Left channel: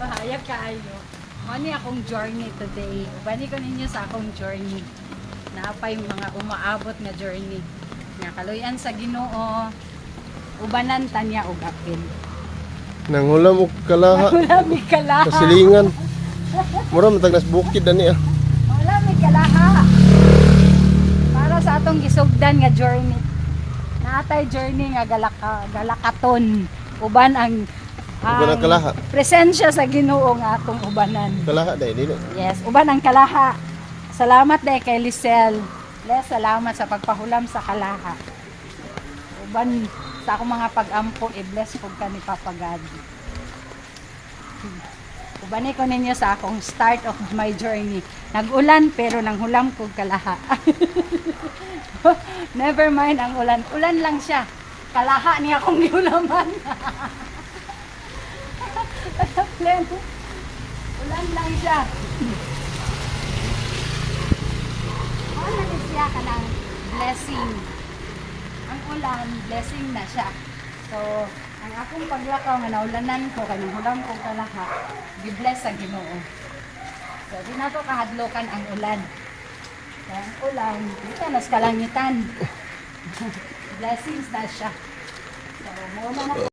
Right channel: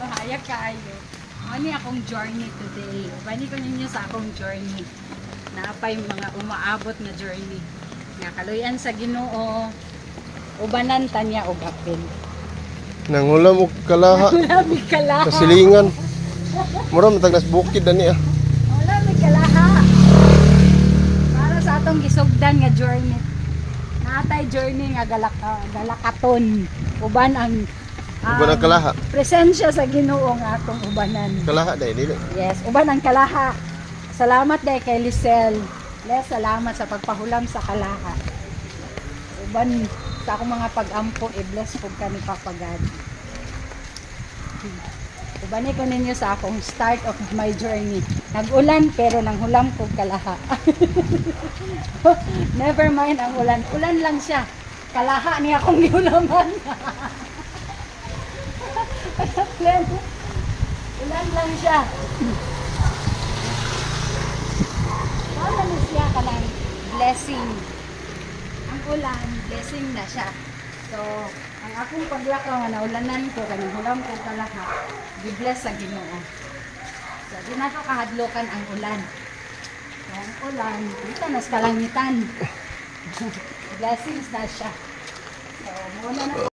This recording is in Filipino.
Pahayag kaayo. Ano akong journey today? Bani ko ninyo sa akong journey. Naapay mga umaabot na journey. Nakaloyan sa Ginoo. Ubanan tanya og apil. Nangulam og kalaha Wala may kalaha. sa silingan. Mura matag nas bukid ani ah. Wala may kalaha. Para sa atong gisugdan nga journey. Naatay journey nga galakaton. Uban ang Uban ang kalaha. presensya sa Ginoo nga atong ubanan. Kalaha dai dili. Yes, uban ang kalaha. Salamat dahil kay Lisel. Les, salamat sa pagpahulam sa kalaha. Uban sa akong mga pag-ampo, i-bless po ka ni Papa God. Ubanay ko ninyo sa akong start of my journey. Nag-ulan pero nanghulam ko kalaha. Never mind ang ulan. Ulan lang siya. Kalaha niya akong giulaman. Ulan lang siya. Ano na siya ka ng blessing. Ang ulan, blessing na siya. So, ang akong paglakaw nga naulanan ko, kanang hulam ko ito lahat, gi-bless sa Ginoo. So, di na ito kahadlokan ang ulan. So, ang ulan, dito nas kalangitan. Blessings na siya. So, mo man ako